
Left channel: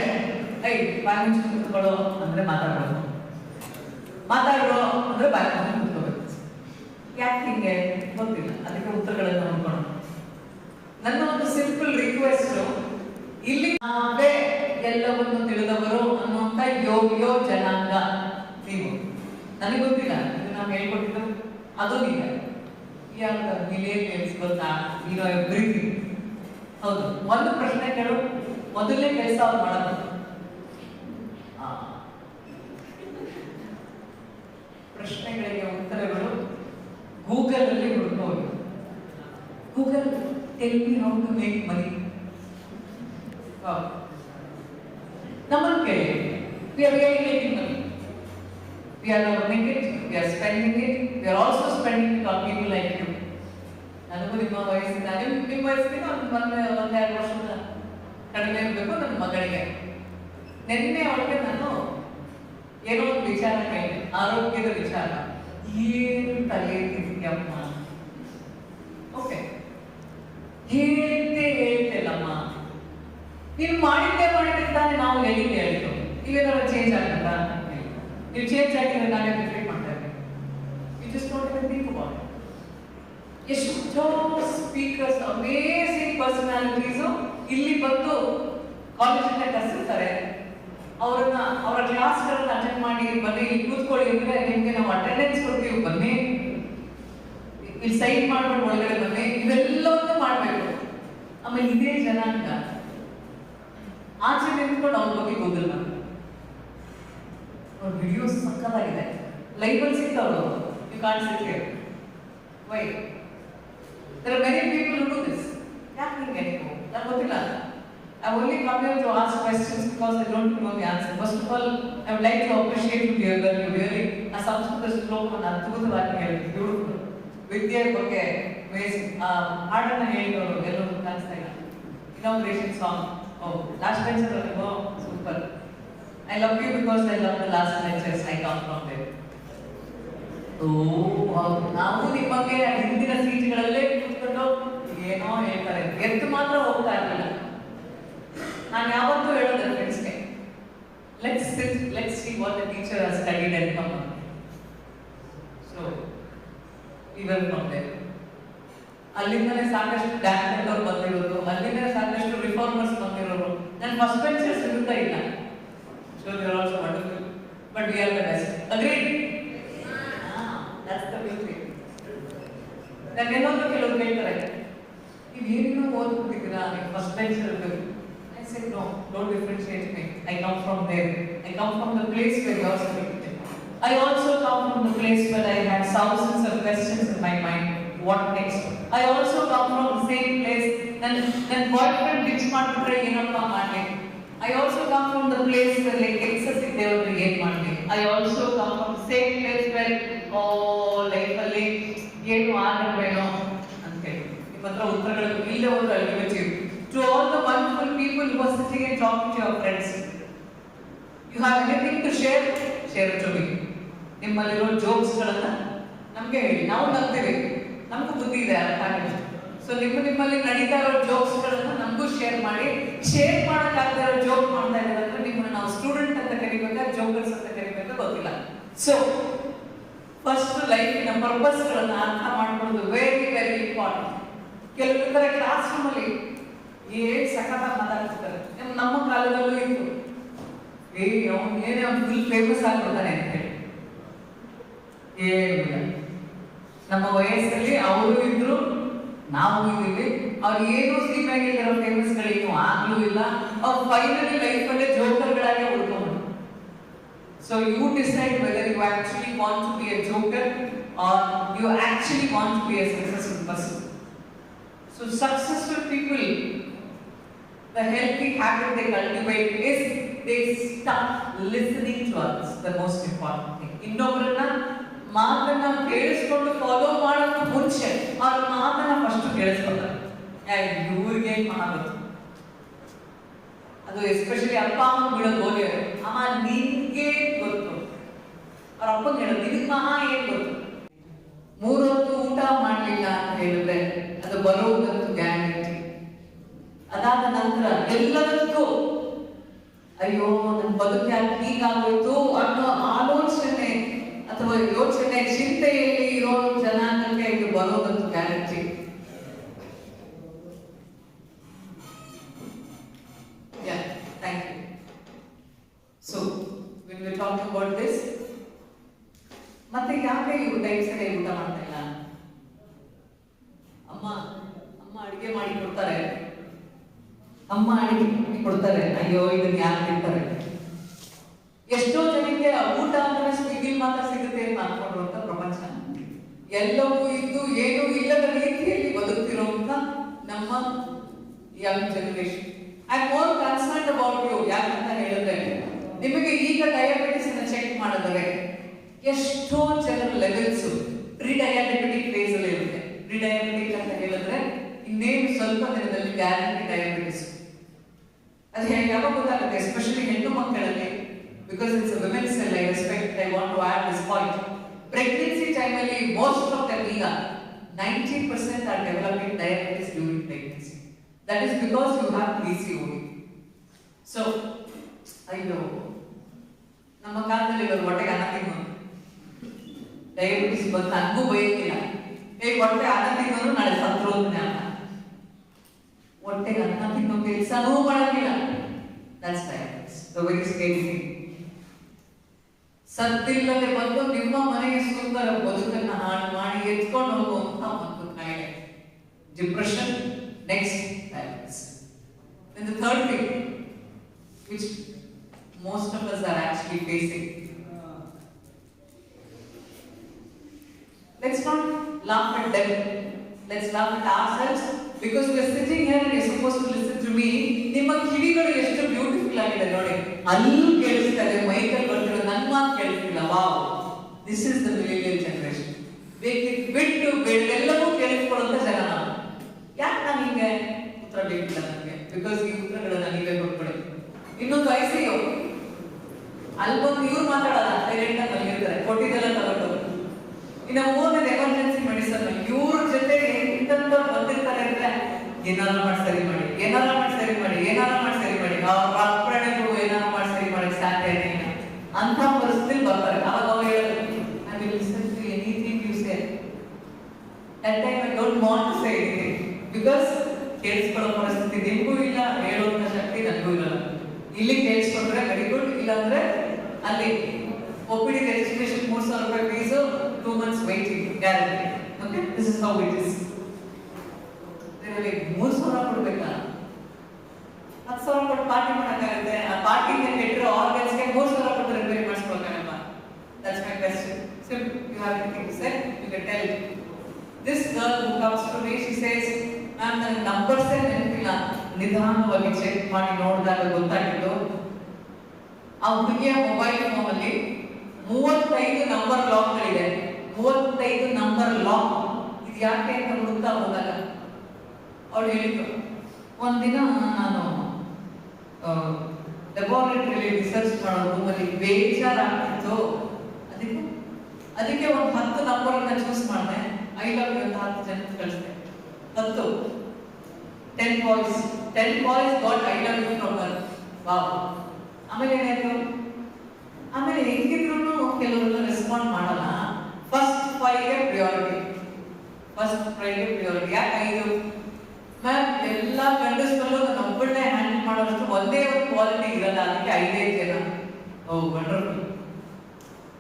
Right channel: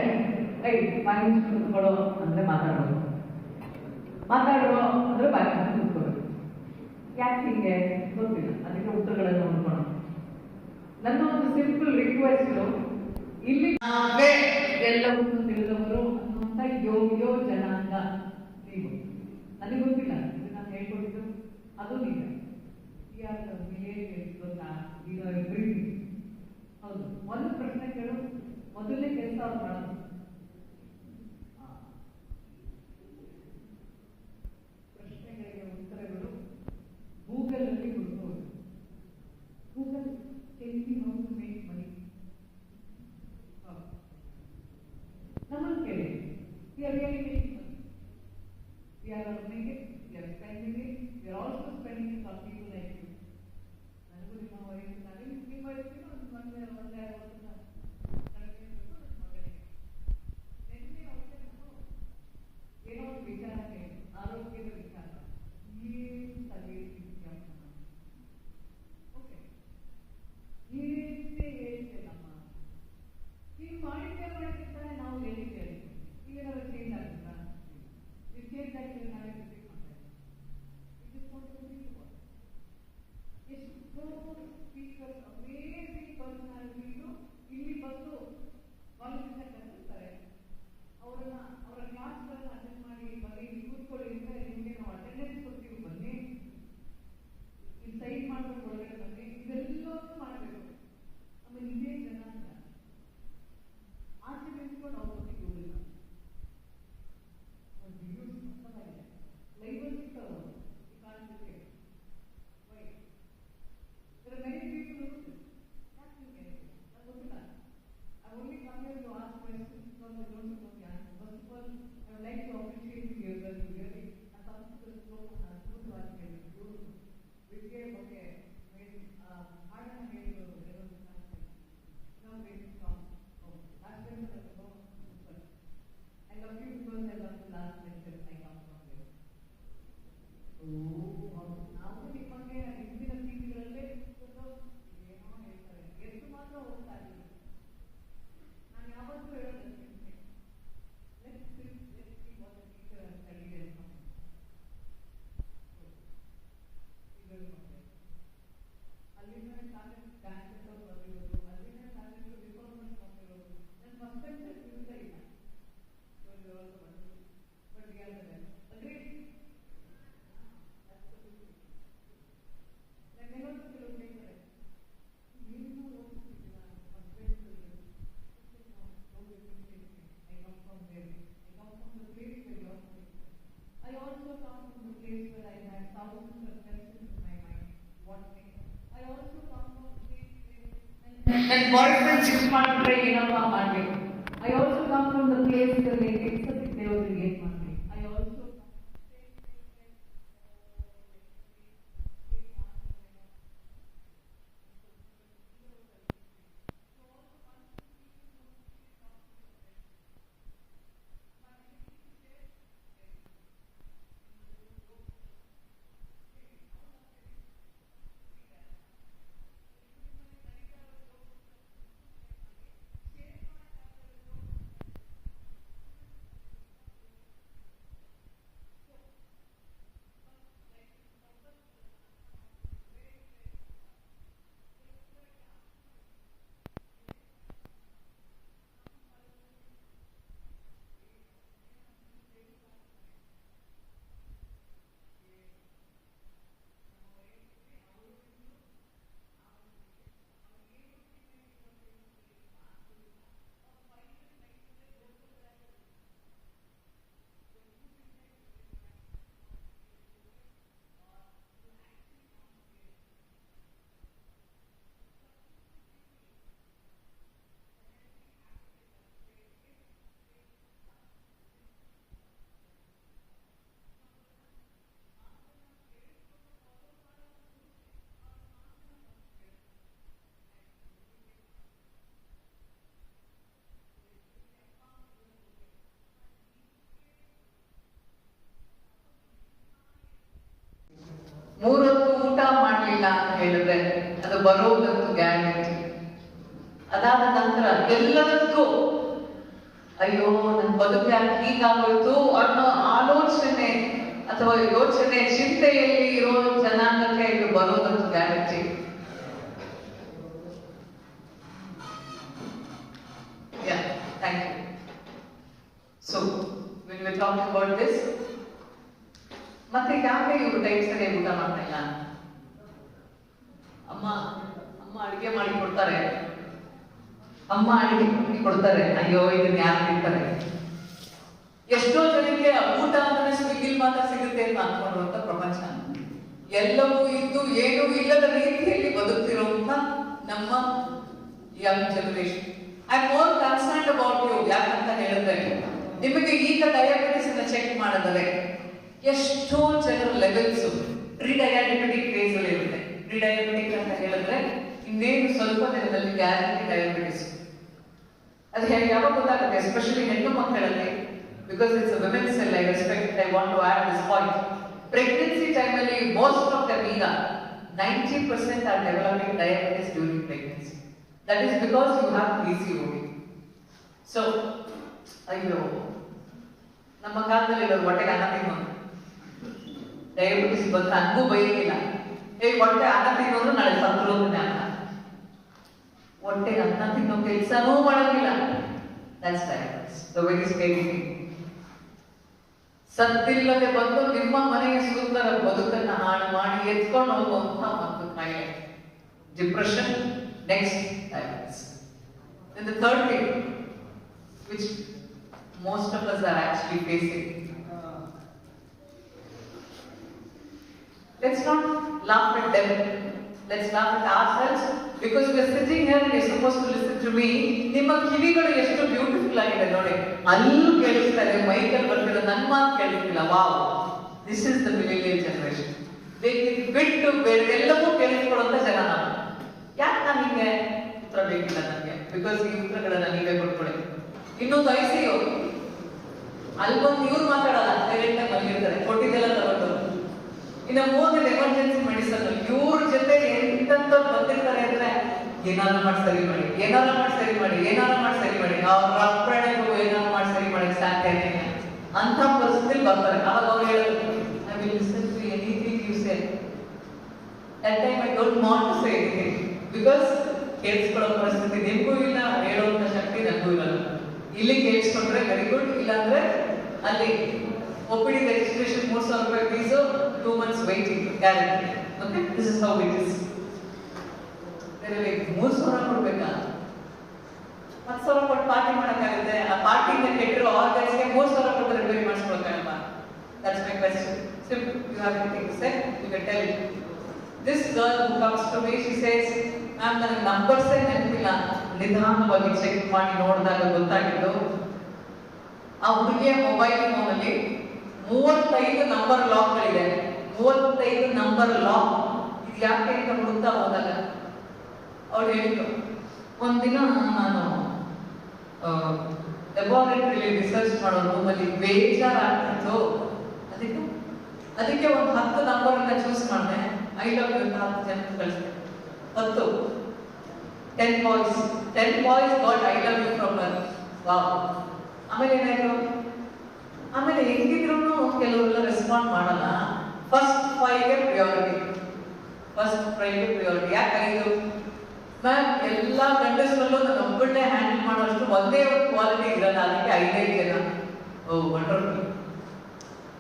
ಐ ಬಾಯಿ ಮುಚ್ಚಿ ಕೂತ್ಕೊಳ್ಳೋ ಅಂದ್ರೆ ಮಾತಾಡೋದು, ಮಾತಾಡೋ ಅಂದ್ರೆ ಬಾಯಿ ಮುಚ್ಚಿ ಕೂತ್ಕೋಬೇಕು. ಯಾಕೆ ಹಿಂಗೆ ಗೊತ್ತಿಲ್ಲ, ಅದಕ್ಕೆ ಉತ್ತರಗಳನ್ನು ನೋಡ್ಕೊಳ್ಳೋಣ. ನನ್ನ ಒಂದು ಸಿಂಪಲ್ ರಿಕ್ವೆಸ್ಟ್, ಇಲ್ಲಿ ನಾವೇ ಎಲ್ಲವನ್ನು ತಿಳಿದವರು ಅನ್ನುವಂಥ ಯೋಗ್ಯೋ ಜನಾಂಗ ನೀವು. ನನಗೆ ಗೊತ್ತಿಲ್ಲ, ಇದು ನಾವು ಹೇಳ್ಕೊಟ್ಟಿದ್ದು ಅದು ನಿಜ. ಯಾರು ಮಿಲಿಯನ್ಸ್ ಗೊತ್ತಾ, ಇರೋ ಎವ್ರಿಥಿಂಗ್. ಹೌದು, ಒಂದು ಪ್ರಶ್ನೆ ಕೇಳು, ಮೊದಲನೇ ಕೆಲಸ ಅವ್ರು ಮಾಡೋದು ಪ್ರಶ್ನೆಗಳಿಗೆ ಉತ್ತರಗಳು ಗೂಗಲ್ ಅಲ್ಲಿ ಹುಡುಕೋದು. Google tell me how to make money. ನಮ್ಮನ್ನು ಕೇಳಿ, we are really making money. We are earning it, we are spending it, we are also spending it on people like you. ನನಗೂ ನಿಮ್ಮ ವಯಸ್ಸಿನ ನಿಮ್ಮ ವಯಸ್ಸಿನ ಒಂದೆರಡು ವರ್ಷದ ಕಡಿಮೆ ಇರಬೇಕು ನನ್ನ ಮಗಳಿಗೆ. ನಿನ್ನೆ ಅವಳಿಗೆ ನಾನು ಏನೋ ಒಂದು ವಿಚಾರ ಕೇಳಿದೆ, ಆರೋಗ್ಯದ ವಿಚಾರ. ಏನು ತಲೆ ತಿಂತೀಯಮ್ಮ? ಓಕೆ, ಹೇಳ್ತೇಳಮ್ಮ, ನೀನು ಮಾಡಿದ್ದೆ ತಾನೇ ನಾವು ಹೇಳಿದ್ದು. ನೀವೇನಾದ್ರು ಚೇಂಜ್ ಆಗಲ್ಲ, ನೀವು ಚೇಂಜ್ ಆಗಿದ್ರೆ ನಾವೇ ರಿಪೀಟ್ ಮಾಡ್ತಾ ಇದ್ದೀವಿ. You just don't even think about it. ಎಷ್ಟೋ ಸ್ಪೀಕರ್ಸ್, ಅಮೇಸಿಂಗ್ ಪರ್ಸನಾಲಿಟೀಸು ಇಲ್ಲಿ ಬಂದು ಕಾಲೇಜಿಂದ ಕರೆಸಿರ್ತಾರೆ. ಅವರ ಕ್ಲಾಸ್ಗಳನ್ನ ಅಟೆಂಡ್ ಮಾಡಿ ಬನ್ನಿ, ಇಲ್ಲಿ ಕೂತ್ಕೊಳ್ಳಿ ಅಂದ್ರೆ ನಿಮಗೆ ನಾವು ಅಟೆಂಡೆನ್ಸ್ ಕೊಡ್ತೀವಿ, ಬನ್ನಿ ಇಲ್ಲಿ ಸೈನ್ ಮಾಡ್ಕೊಂಡು ಒಳಗಡೆ ಬನ್ನಿ, ಇವೆಲ್ಲವನ್ನೂ ಮಾಡಬೇಕು. ಆಮೇಲೆ ಇದೇ ಜನಾಂಗ ಆಚೆ ನಿಂತ್ಕೊಂಡು ಅವ್ರ ಬಗ್ಗೆ ಗೂಗಲ್ ಮಾಡಿ ಅವ್ರ ವಿಡಿಯೋಸ್ ಸಕ್ಕತ್ತಾಗಿದೆ, ಲೈವಲ್ಲಿ ಸಿಗ್ತಾವ್ರು. You can't sit here. Why? There are many people who do this. ಯಾಕೆ ಹಿಂಗೆ ನೀವು? ನನಗೆ ಗೊತ್ತಿಲ್ಲ. I only come here to ask questions because I don't know the answer. First of all, I would like to appreciate you, dear girl. You really a Sanskrit ಶ್ಲೋಕವನ್ನು ಅದ್ಭುತವಾಗಿ ಹೇಳಿದ್ರು. ಬ್ಯೂಟಿಫುಲ್. ವಿದ್ಯೆ ಬಗ್ಗೆ ಹಾಡನ್ನು ಹೇಳಿದವರು ಎಲ್ಲರೂ ಕಾಣಿಸ್ತಾ ಇಲ್ಲ. Inauguration song. Oh, last lecture, oh, super. I love you because I love the last lectures. I come from there. ನಾವು ನಿಮಗೆ ಹಿಂದಿನ ಸೀಟ್ಗಳಲ್ಲೇ ಕೂತ್ಕೊಂಡು ಏನೋ ಹೇಳ್ತಾರೆ, ಎದ್ದು ಮಾತ್ರ ಹೋಗ್ತಾ ಇರಲಿಲ್ಲ. ನಾನು ಯಾವತ್ತೂ ಹೇಳೋದು ಫ್ರೆಂಡ್ಸ್ಗೆ, let's sit, let's see what the teacher has studied and come. So we will from there. ಅಲ್ಲಿಂದನೇ ಸಾಕಷ್ಟು ಡ್ಯಾನ್ಸ್ ಅವ್ರು ಬಂದಿರೋದು, ಅಲ್ಲಿಂದನೇ ಸಾಕಷ್ಟು ರಿಫಾರ್ಮರ್ಸ್ ಬಂದಿರೋರು. ನಾನು ಫಸ್ಟ್ ಬೆಂಚರ್ಸ್ ಇರುತ್ತಾ ಇಲ್ಲ. So we are also wonderful, but we are the best. Agreed? That's the beauty. ನಾನು ಎಲ್ಲೊಂದು ಕೆಲವರು ಕೇಳ್ತಾರೆ, ನೀವು ಏನೇನೋ ಓದ್ಬಿಟ್ಟಿದ್ದೀರಾ, ನೀವು ಫಸ್ಟ್ ಬೆಂಚರ್ ಇರಬೇಕು. I said no, don't differentiate me. I come from there. I come from the place where you are sitting. I also come from the place where I had thousands of questions in my mind. What next? I also come from the same place then boyfriend fix ಮಾಡಿದ್ರೆ ಏನಪ್ಪ ಮಾಡಲಿ. I also come from the place where like excessive ದೇವರು ಏನು ಮಾಡಲಿ. I also come from the same place where ಲೈಫಲ್ಲಿ ಏನು ಆಗಬೇಕೋ ಅಂತ ಹೇಳಿ ನಿಮ್ಮ ಹತ್ರ ಉತ್ತರಗಳು ಇಲ್ಲೇ ಹೋದ್ರೆ ultimate. To all the wonderful people who are sitting and talking to your friends, you have anything to share? Share it to me. ನಿಮ್ಮಲ್ಲಿರೋ ಜೋಕ್ಸ್ಗಳನ್ನ ನಮ್ಗೆ ಹೇಳಿ, ನಾವು ನಗ್ತೀವಿ, ನಮಗೂ ಬುದ್ಧಿ ಇದೆ ಅರ್ಥ ಆಗಿದೆ. ಸೊ ನಿಮ್ಮಲ್ಲಿ ನಡೀತಾ ಇರೋ ಜೋಕ್ಸ್ಗಳನ್ನ ನಮಗೂ ಶೇರ್ ಮಾಡಿ. ಶೇರ್ ಮಾಡೋಕ್ಕಾಗದೇ ಇರೋ ಜೋಕ್ ಮಾಡ್ತಾ ಇದ್ದಾರೆ ಅಂದ್ರೆ ನಿಮ್ಮನ್ನ ನಾವು ಸ್ಟೂಡೆಂಟ್ ಅಂತ ಕರಿಬೇಕಾ ಜೋಕರ್ಸ್ ಅಂತ ಕರಿಬೇಕಾ ಗೊತ್ತಿಲ್ಲ. ಸೊ ಫಸ್ಟ್ ಲೈಫಿನ ಪರ್ಪಸ್ಗಳನ್ನ ಅರ್ಥ ಮಾಡ್ಕೊಳ್ಳೋದು ವೆರಿ ವೆರಿ ಇಂಪಾರ್ಟೆಂಟ್. ಕೆಲವೊಂದರ ಕ್ಲಾಸ್ ರೂಮಲ್ಲಿ ಸಖತ್ ಮಾತಾಡ್ತಿರ್ತಾರೆ. ನಮ್ಮ ಕಾಲದಲ್ಲೂ ಇತ್ತು, ಅವ್ನು ಫುಲ್ ಫೇಮಸ್ ಆಗ್ಬಿಡ್ತಾನೆ ಅಂತ ಹೇಳಿ. ಏನಿಲ್ಲ, ನಮ್ಮ ವಯಸ್ಸಲ್ಲಿ ಅವರು ಇದ್ರು, ನಾವು ಇದ್ದೀವಿ. ಅವ್ರು ಏನೂ ಸಿನಿಮಾಗಿರೋ ಫೇಮಸ್ಗಳೇನು ಆಗ್ಲೂ ಇಲ್ಲ. ಅವ್ರು ಫೈನಲಿ ಲೈಫಲ್ಲೇ ಜೋಕರ್ಗಳಾಗೆ ಉಳ್ಕೊಂಡು. So you decide whether you actually want to be a joker or you actually want to be a successful person. So successful people, the healthy habit they cultivate is they start listening to others, the most important thing. ಇನ್ನೊಬ್ಬರನ್ನ ಮಾತನ್ನ ಕೇಳಿಸ್ಕೊಂಡು ಫಾಲೋ ಮಾಡೋದು ಮುಂಚೆ ಅವ್ರ ಮಾತನ್ನ ಫಸ್ಟ್ ಕೇಳಿಸ್ಕೊತಾರೆ. ಇವ್ರಿಗೆ ಮಾಡೋದು ಅದು ಎಸ್ಪೆಷಲಿ ಅಪ್ಪ ಅಮ್ಮ ಬಿಡೋದು ಹೋಗಿ ಅಮ್ಮ ನಿನ್ಗೆ ಗೊತ್ತು, ಅವ್ರ ಅಪ್ಪಂಗೆ ಹೇಳೋದು ನಿನಗೆ ಮಹಾ ಏನ್ ಗೊತ್ತು. 3 ಹೊತ್ತು ಊಟ ಮಾಡಲಿಲ್ಲ ಅಂತ ಹೇಳಿದ್ರೆ ಅದು ಬರುವುದಂತೂ ಗ್ಯಾರಂಟಿ. ಅದಾದ ನಂತರ ಎಲ್ಲದಕ್ಕೂ ಅಯ್ಯೋ ನನ್ನ ಬದುಕು ಯಾಕೆ ಹೀಗಾಗೋಯ್ತು ಅನ್ನೋ ಆಲೋಚನೆ ಅಥವಾ ಯೋಚನೆ ಚಿಂತೆಯಲ್ಲಿ ಇರೋ ಜನಾಂಗಕ್ಕೆ ಇದು ಬರುವುದಂತೂ guarantee. Thank you. So when we talk about this, ಮತ್ತೆ ಯಾಕೆ ಇವರು ಟೈಮ್ ಸರಿಯಾಗಿ ಊಟ ಮಾಡ್ತಾ ಇಲ್ಲ? ಅಮ್ಮ ಅಡಿಗೆ ಮಾಡಿ ಕೊಡ್ತಾರೆ, ಅಮ್ಮ ಅಡಿಗೆ ಮಾಡಿ ಕೊಡ್ತಾರೆ, ಅಯ್ಯೋ ಇದನ್ನ ಯಾರು ತಿಂತಾರೆ? ಎಷ್ಟೋ ಜನಕ್ಕೆ ಊಟ ಅಂದ್ರೆ ಸ್ವಿಗ್ಗಿಲ್ ಮಾತ್ರ ಸಿಗುತ್ತೆ ಅಂತ ಅನ್ಕೊಂಡಿರುವಂತ ಪ್ರಪಂಚ. ಎಲ್ಲವೂ ಇದ್ದು ಏನೂ ಇಲ್ಲದ ರೀತಿಯಲ್ಲಿ ಬದುಕ್ತಿರುವಂತ ನಮ್ಮ young generation. I am more concerned about you. ಯಾಕಂತ ಹೇಳಿದ್ರೆ ನಿಮಗೆ ಈಗ ಡಯಾಬಿಟಿಸ್ ಅನ್ನ ಚೆಕ್ ಮಾಡಿದರೆ ಎಷ್ಟೋ ಜನರ ಲೆವೆಲ್ಸ್ ಪ್ರಿಡಯಾಬಿಟಿಕ್ ಫೇಸ್ ಅಲ್ಲಿ ಇರುತ್ತೆ. ಪ್ರಿಡಯಾಬಿಟಿಕ್ ಅಂತ ಹೇಳಿದ್ರೆ ಇನ್ನೇನು ಸ್ವಲ್ಪ ದಿನದಲ್ಲಿ ಗ್ಯಾರಂಟಿ ಡಯಾಬಿಟಿಸ್. ಅದು ಯಾವಾಗ ಗೊತ್ತಾಗುತ್ತೆ? ಎಸ್ಪೆಷಲಿ ಹೆಣ್ಣು ಮಕ್ಕಳಲ್ಲಿ, because it's a women's cell. I respect, I want to add this point. Pregnancy ಟೈಮಲ್ಲಿ ಮೋಸ್ಟ್ ಆಫ್ ದಮ್ ಈಗ 90% are developing diabetes during pregnancy. That is because you have PCOD. So ಅಯ್ಯೋ, ನಮ್ಮ ಕಾಲದಲ್ಲಿ ಇರೋದು ಹೊಟ್ಟೆಗೆ ಅನ್ನ ತಿನ್ನೋದು, ಡಯಾಬಿಟಿಸ್ ಬಂತ ಹಂಗೂ ಬೈಕಿಲ್ಲ. ಹೊಟ್ಟೆ ಅನ್ನ ತಿನ್ನೋರು ನಾಳೆ ಸತ್ರು ಅಂತ ಹೊಟ್ಟೆಗೆ ಅನ್ನ ತಿನ್ನೋ ಕೆಲಸನೂ ಮಾಡಂಗಿಲ್ಲ. That's diabetes, the very scary thing. ಸತ್ತಿಲ್ಲದೆ ಬಂದು ನಿಮ್ಮ ಮನೆಯ ಸುಂದರ ಬದುಕನ್ನ ಹಾಳು ಮಾಡಿ ಎತ್ಕೊಂಡು ಹೋಗುವಂತ ಒಂದು ಕಾಯಿಲೆ depression. Next diabetes. And the third thing which most of us are actually facing, let's not laugh at them, let's laugh at ourselves, because we are sitting here and you're supposed to listen to me. ನಿಮ್ಮ ಕಿವಿಗಳು ಎಷ್ಟು ಬ್ಯೂಟಿಫುಲ್ ಆಗಿದೆ ನೋಡಿ, ಅಲ್ಲೂ ಕೇಳಿಸ್ತಾರೆ, ಮೈಕಲ್ ಬರ್ತಿರೋ ನನ್ನ ಮಾತು ಕೇಳಿಸ್ತಿಲ್ಲ. Wow, this is the millennial generation. ಬಿಟ್ಟು ಎಲ್ಲವೂ ಕೇಳಿಸ್ಕೊಳ್ಳುವಂತ ಜನ ನಾವು. ಯಾಕೆ ನಾನು ಹಿಂಗೆ ಉತ್ತರ ಬೇಕಿಲ್ಲ ನನಗೆ? ಬಿಕಾಸ್ ಈ ಉತ್ತರಗಳನ್ನ ನೀವೇ ಕೊಟ್ಕೊಳ್ಳಿ. ಇನ್ನೊಂದು ICU ಅಲ್ಲೊಂದು ಇವ್ರು ಮಾತಾಡಲ್ಲ, ಡೈರೆಕ್ಟ್ ಆಗಿ ಮಲಗಿರ್ತಾರೆ, ಕೊಟ್ಟಿದ್ದೆಲ್ಲ ತಗೊಂಡು. ಇನ್ನು 3 ಎಮರ್ಜೆನ್ಸಿ ಮೆಡಿಸನ್ ಇವ್ರ ಜೊತೆ ಎಂತೆಂತ ಬಂದಿರ್ತಾರೆ ಅಂದ್ರೆ ಏನಾದ್ರು ಮಾಡಿ ಸರಿ ಮಾಡಿ, ಏನಾದ್ರು ಮಾಡಿ ಸರಿ ಮಾಡಿ, ಏನಾದ್ರು ಮಾಡಿ ಸರಿ ಮಾಡಿ, ಅವ್ರ ಪ್ರಾಣಿಗಳು ಏನಾದ್ರು ಮಾಡಿ ಸರಿ ಮಾಡಿ ಸಾಧ್ಯ ಇಲ್ಲ ಅಂತ ಪರಿಸ್ಥಿತಿ ಬರ್ತಾರೆ. ಆವಾಗ ಅವ್ರು ಹೇಳೋದು, I will listen to anything you say. That time I don't want to say anything, because ಕೇಳಿಸ್ಕೊಳ್ಳೋ ಪರಿಸ್ಥಿತಿ ನಿಮಗೂ ಇಲ್ಲ, ಹೇಳುವಂತ ಶಕ್ತಿ ನನಗೂ ಇಲ್ಲ. ಇಲ್ಲಿ ಕೇಳಿಸ್ಕೊಂಡ್ರೆ ವೆರಿ ಗುಡ್, ಇಲ್ಲ ಅಂದ್ರೆ ಅಲ್ಲಿ OPD ರಿಜಿಸ್ಟ್ರೇಷನ್ 3,000 ರೂಪಾಯಿ ಫೀಸು, 2 months waiting guarantee. Okay, this is how it is. ಬೇರೆ 3,000 ಕೊಡ್ಬೇಕಾ? 10,000 ಕೊಟ್ಟು ಪಾರ್ಟಿ ಮಾಡೋಕ್ಕಾಗುತ್ತೆ? ಆ ಪಾರ್ಟಿನ ಕೆಟ್ಟಿರೋ ಆರ್ಗನ್ಸ್ಗೆ 3,000 ಕೊಟ್ಟು ರಿಪೇರಿ ಮಾಡಿಸ್ಬೇಕಾಗಲ್ಲ? That's my question. Simple. You have anything to say? You can tell it. This girl who comes to me, she says, ನಾನು ನನ್ನ ನಂಬರ್ಸೇ ನೆನಪಿಲ್ಲ, ನಿಧಾನವಾಗಿ ಚೆಕ್ ಮಾಡಿ ನೋಡಿದಾಗ ಗೊತ್ತಾಗಿದ್ದು ಆ ಹುಡುಗಿಯ ಮೊಬೈಲ್ ಫೋನಲ್ಲಿ 35 ನಂಬರ್ ಲಾಕ್ಗಳಿದೆ. 35 ನಂಬರ್ ಲಾಕ್. ಇದು ಯಾಕೆ ಅಂತ ಹುಡುಕ್ತಾ ಹೋದಾಗ ಅವಳು ಹೇಳಿದ್ರು, ಒಂದಿನ ನಾನು ಲ್ಯಾಬೋರೇಟರಿಲಿ ರಿಸರ್ಚ್ ಮಾಡೋ ರೂಮಲ್ಲಿ ಬೇಜಾರಾಗ್ತಿತ್ತು, ಅದಕ್ಕೆ ಅದಕ್ಕೆ ಒಂದು 10 ನಂಬರನ್ನ ಚೂಸ್ ಮಾಡಿದೆ. ಐ ಲವ್ ಯು ಅಂತ 10 ಜನಕ್ಕೆ ಕಳಿಸಿದೆ. 10 boys got I love you from her. Wow. ಆಮೇಲೆ ಏನಾಯ್ತು, ಆಮೇಲೆ ಹೆಂಗಿದ್ರು ಕೆಲವರೆಲ್ಲ ರೆಸ್ಪಾಂಡ್ ಮಾಡಲ್ಲ. ಫಸ್ಟ್ 5ಗೆ ಪ್ರಿಯಾರಿಟಿ. ಯಾಕೆ 5? ಮ್ಯಾಮ್ ಎಲ್ಲ ಗಂಡಸರಲ್ಲೂ ನಾನು ಒಬ್ಬಳನ್ನೇ ಹ್ಯಾಂಡಲ್ ಮಾಡೋಷ್ಟು ಒಂದೇ ಒಂದು ಕ್ವಾಲಿಟಿ ಇರಲ್ಲ, ಅದಕ್ಕೆ 5 ಜನ. ಓ ವಂಡರ್ಫುಲ್.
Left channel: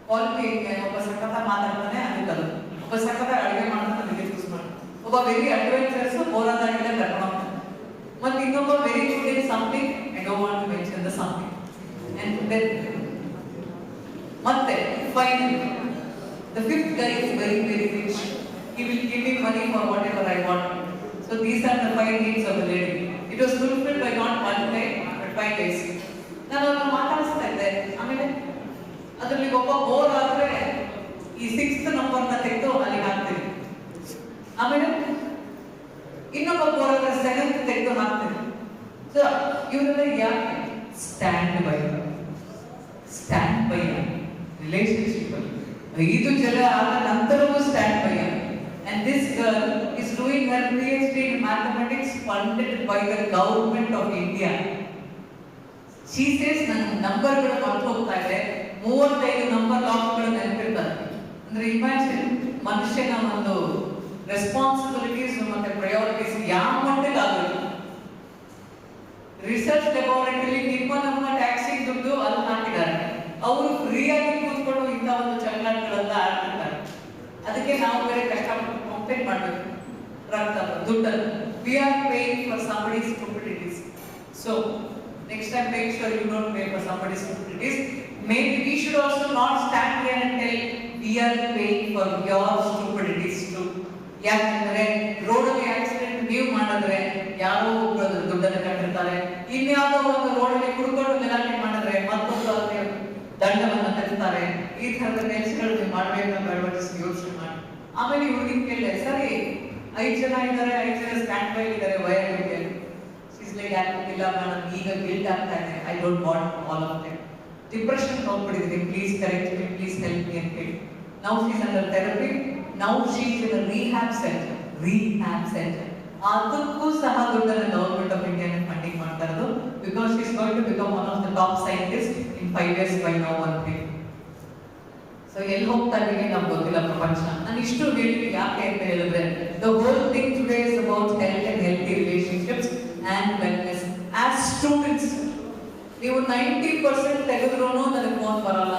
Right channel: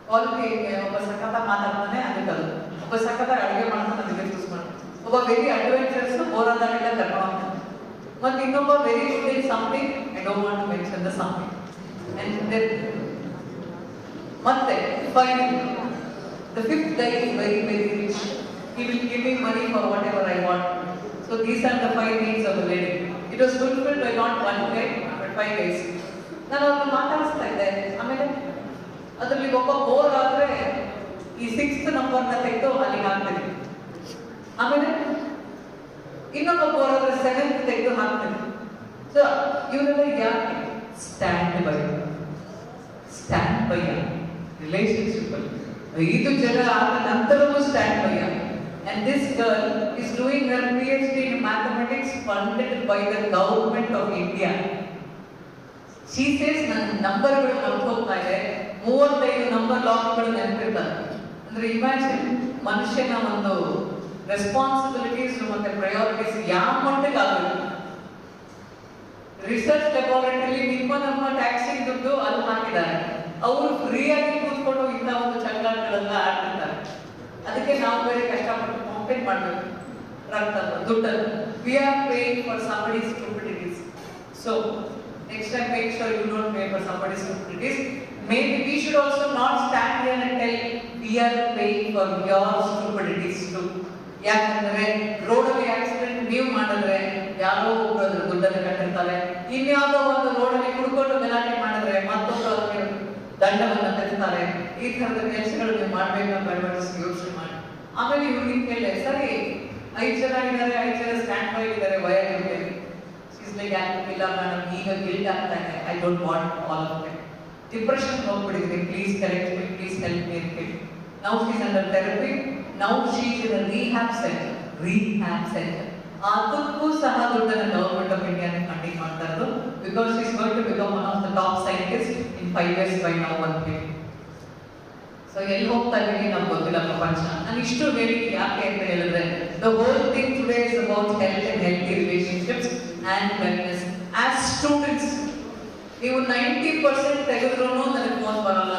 ಕ್ವಾಲಿಟಿ ಒಬ್ಬ ಸಖತ ಮಾತಾಡ್ತಾನೆ ಅದಕ್ಕಲ್ಲ, ಒಬ್ಬ ಸಖತ ಅಡುಗೆ ಮಾಡ್ತಾನೆ ಅದಕ್ಕೆ ಚೂಸ್ ಮಾಡ್ತಾನೆ, ಒಬ್ಬ ವೆರಿ ಅಡ್ವೆಂಚರಸ್ ಬೋರಾದಾಗಿಲ್ಲ ಕರ್ಕೊಂಡು ಹೋಗ್ತಾನೆ, ಮತ್ತೆ ಇನ್ನೊಬ್ಬ very good in something, I don't want to mention the something. ಮತ್ತೆ finally the 5th guy is very rich. He will give me money for whatever I want. So these are the 5 needs of the lady. It was fulfilled by not 1 day but 5 days. ನಾನು ಅವ್ರನ್ನ ಮಾತಾಡಿಸ್ತಾ ಇದ್ದೆ. ಆಮೇಲೆ ಅದರಲ್ಲಿ ಒಬ್ಬ ಬೋರ್ ಆದ್ರೆ ಈ 6th ನಂಬರ್ನ ತೆಗೆದು ಅಲ್ಲಿಗೆ ಹಾಕ್ತೀನಿ. ಆಮೇಲೆ ಇನ್ನೊಬ್ಬ ಬೋರ್ ಆದ್ರೆ 7th ತೆಗೆದು ಹಾಕ್ತೀನಿ. ಸೊ ಇವರೆಲ್ಲ ಯಾಕೆ ಸ್ಟ್ಯಾಂಡ್ ಬೈ ರಿಲೇಶನ್ಶಿಪ್ ಅಲ್ಲಿ 5 ಜನ ಆದ ನಂತರವೂ stand by. And this girl is doing her PhD in mathematics funded by the government of India. She says ನನ್ನ ನಂಬರ್ಗಳು ಮರ್ತು ಹೋಗ್ತಾ ಇದೆ, 35 ನಂಬರ್ ಲಾಕ್ಗಳು ನೆನಪಿರ್ತಾರೆ. ಅಂದ್ರೆ ಇಮ್ಯಾಜಿನ್ ಮನುಷ್ಯನ ಒಂದು ರೆಸ್ಪಾನ್ಸಿಬಿಲಿಟೀಸ್ ಮತ್ತೆ ಪ್ರಯಾರಿಟೀಸ್ ಯಾವ ಮಟ್ಟಿಗೆ ಆಗಬೇಕು. ರಿಸರ್ಚ್ ಲ್ಯಾಬೋರೇಟರಿ ನಮ್ಮ ಟ್ಯಾಕ್ಸಿ ದುಡ್ಡು ಅಲ್ಲಿ ಹಾಕಿದ್ದಾರೆ, ಅವರು ಫ್ರೀಯಾಗಿ ಕೂತ್ಕೊಂಡು ಇಂಥ ಒಂದು ಚಟಗಳೆಲ್ಲ ಆಡ್ತಿರ್ತಾರೆ. ಅದಕ್ಕೆ ನಾವು ಬೇರೆ ಕಷ್ಟಪಟ್ಟು ಕಾಂಪೇಟ್ ಮಾಡಬೇಕು ರಕ್ತ ದುಡ್ಡನ್ನು. We are paying for somebody's stupidities. So next time make sure you don't pay for somebody's stupidities. Maybe we should also not stand here and tell we are paying for your stupidities too. ಯಾಕಂದ್ರೆ ರೋಡಲ್ಲಿ ಆಕ್ಸಿಡೆಂಟ್ ನೀವು ಮಾಡಿದ್ರೆ ಯಾರೋ ಒಬ್ಬರು ದುಡ್ಡನ್ನು ಕಟ್ಟಿರ್ತಾರೆ, ಇನ್ಯಾವುದೋ ಒಂದು ರೋಡಲ್ಲಿ ಕುಡ್ಕೊಂಡು ಗಲಾಟೆ ಮಾಡಿದ್ರೆ ಮತ್ತೊಬ್ಬರು ಅದಕ್ಕೆ ದಂಡವನ್ನು ತೆಗಿತಾರೆ. ಈ ತರದ ಕೆಲಸಗಳು ನೀವು ಮಾಡ್ಬೇಕಂತ ಯೋಚನೆ ಮಾಡಿ. ಆಮೇಲೆ ಇವ್ರಿಗೆ ಕೇಳಿದೆ, ಸರಿ 5 ಜನ ಇದ್ದಾರೆ, 5 ಜನ ಸ್ಟ್ಯಾಂಡ್ ಬೈ ಇದ್ದಾರೆ, ವಯ ಇರುತ್ತೆ. ಇಲ್ಲ ಮೇಡಮ್, ಈಗ ಗಿಲ್ಟ್ ಆಗ್ತಾ ಇದೆ, I don't want all of them. Depression ಹೋಗ್ಬಿಟ್ಟಿದೆ, please correct me, please help me ಅಂತ ಹೇಳಿ. Now she is under therapy, now she is in a rehab centre. ಅದಕ್ಕೂ ಸಹ ದುಡ್ಡನ್ನು ಗವರ್ಮೆಂಟ್ ಆಫ್ ಇಂಡಿಯಾ ಫಂಡಿಂಗ್ ಮಾಡ್ತಾ ಇರೋದು, because she is going to become one of the top scientist in 5 years by now ಅಂತ ಹೇಳಿ. ಸೊ ಎಲ್ಲಿ ಹೋಗ್ತಾ ಇದ್ದೀನಿ ನಮ್ಗೆ ಗೊತ್ತಿಲ್ಲ ಪ್ರಪಂಚ. ನಾನು ಇಷ್ಟು ಹೇಳಿ ಯಾಕೆ ಅಂತ ಹೇಳಿದ್ರೆ, the whole thing today is about health and healthy relationships and wellness. As students ನೀವು 90% ತೆಗೆದ್ರೂ ನನಗೆ ಫೋನ್ ಬರಲ್ಲ,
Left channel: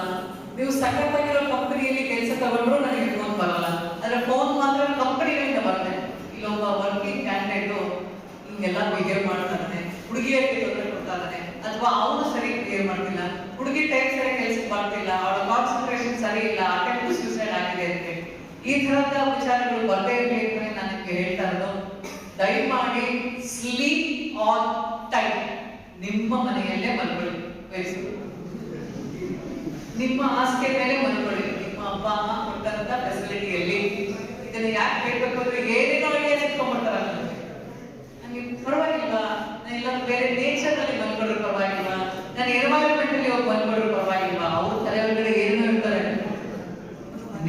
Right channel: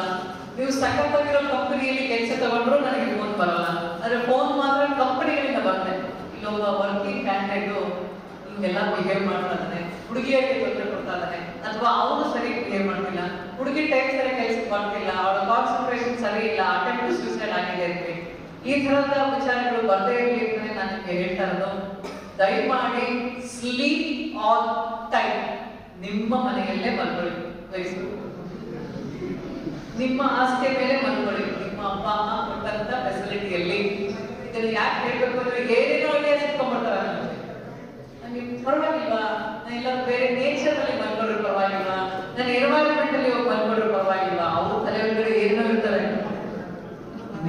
ನೀವು ಸಖತ್ತಾಗಿರೋ ಕಂಪನಿಯಲ್ಲಿ ಕೆಲಸ ತಗೊಂಡ್ರು ನನಗೆ ಫೋನ್ ಬರಲ್ಲ. ಆದರೆ ಫೋನ್ ಮಾತ್ರ ಕಂಪನಿಗಳಿಂದ ಬರುತ್ತೆ. ಇಲ್ಲೊಬ್ಬ ವರ್ಕಿಂಗ್ ಕ್ಯಾಂಡಿಡೇಟು ಹಿಂಗೆಲ್ಲ ಬಿಹೇವ್ ಮಾಡ್ತಾ ಇದ್ದಾನೆ, ಹುಡುಗಿಯರಿಗೆ ತೊಂದರೆ ಕೊಡ್ತಾ ಇದ್ದಾನೆ, ಅಥವಾ ಅವನು ಸರಿ ಕ್ಲಿಯರ್ ಮಾಡ್ತಿಲ್ಲ, ಹುಡುಗಿ ಟೈಮ್ ಸರಿ ಕೆಲಸಕ್ಕೆ ಬರ್ತಿಲ್ಲ, ಅವಳ ಕಾನ್ಸಂಟ್ರೇಷನ್ ಸರಿ ಇಲ್ಲ, ಅಟೆಂಪ್ಟ್ ಸೂಸೈಡ್ ಆಗಿದೆ ಅಂತ ಈ ತರದ ವಿಚಾರಗಳು ಬರದೇ ಇರಲಿ ಅಂತ ನನಗೆ ಹೇಳ್ತಾ ಇರೋದು. ದಯಮಾಡಿ ಸ್ಲೀಪ್ ಆನ್ ಟೈಮ್. ನಿಮ್ಮ ಮನೆಯಲ್ಲೇ ಮಲ್ಕೊಳ್ಳಿ, ನಿಮ್ಮ ಹಾಸಿಗೆ ಮೇಲೆ ಮಲ್ಕೊಳ್ಳಿ, ನಿಮ್ಮ ಅಪ್ಪ ಅಮ್ಮ ಕೊಟ್ಟಂತ ಫೆಸಿಲಿಟಿಯಲ್ಲಿ. ಇದನ್ನು ಯಾಕೆ ಹೇಳ್ಬೇಕು ಅಂದ್ರೆ ಏನೇನೋ ಐಡಿಯಾ ಸಿಕ್ಕೊಂಡ್ಬಿಡ್ತಾರೆ. ನನಗೆ ಪರವಾಗಿಲ್ವಾ, ನಾನು ಎಲ್ಲ ಬೇರೆ ನೇಚರ್ ಅಲ್ಲಿ ಮಲ್ಕೊಂಡ್ರು ಪರವಾಗಿಲ್ವಾ, ನಾನು ಎನ್ವೈರನ್ಮೆಂಟ್ ಅಲ್ಲಿ ಹೋಗಿ ಮಲ್ಕೊಂಡ್ರು ಪರವಾಗಿಲ್ವಾ, ಅವ್ರ ತಲೆ ಒಳಗಡೆ ಏನೋ ಇರ್ತಾರೆ.